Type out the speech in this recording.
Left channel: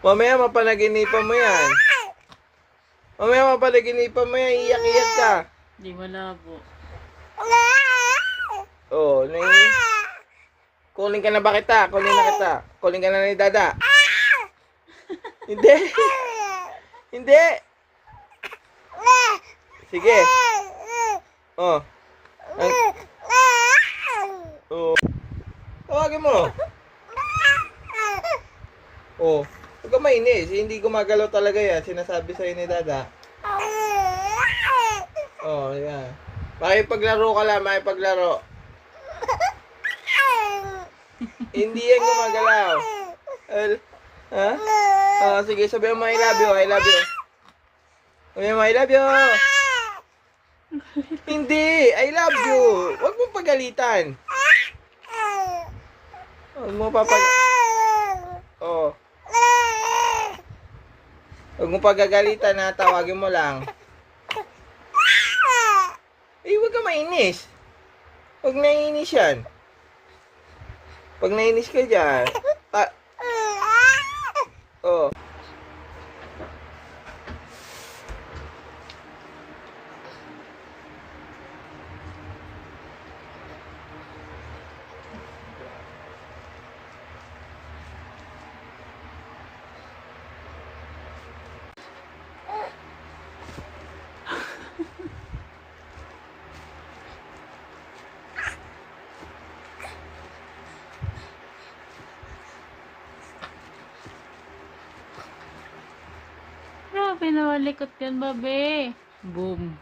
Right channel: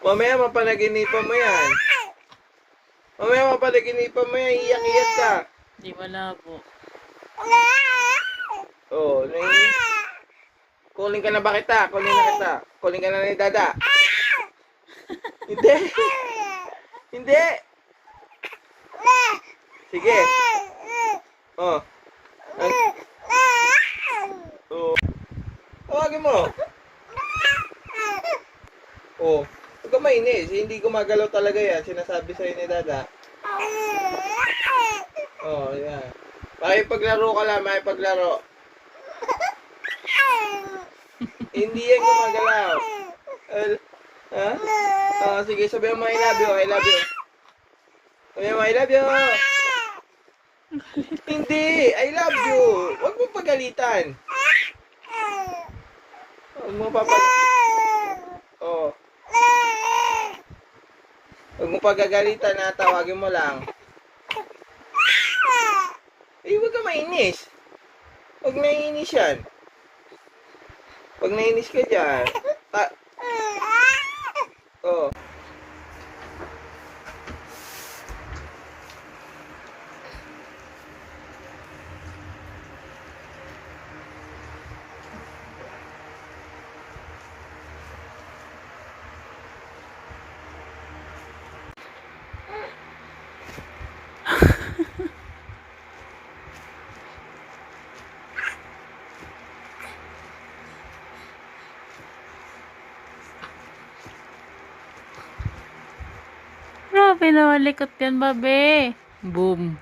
Mamaya mapanaginipan mo yan. Mamaya mapanaginipan mo yan. Iyak-iyak ka. Di malabo. Oh, kunin ka na ba kita? Kunin na kita. Kunin ka na ni Dada. Hindi. Hindi. Sige. Oh. Oh. Tawagin mo. Oh. Huwag ka mainis. Hindi gumagalaw talaga yan. Sinasabi sa'yo ni Dada. Oh, yan. Makipaglaro ka lang. Makipaglaro. Hindi yan gumagalaw. Ha? Oh, sige. Sabihan mo I love you. I love you. Sabihan mo I love you. Hindi. I love you. Huwag mo pagalitan. Huwag mo papag... Oh. Huwag mo pagagalitan na. Tawagin mo lang. Eh, huwag ka mainis. Huwag naiinis yan. Pag nainis ka dyan. Oh. Grabe naman likot yan, babe. Boom.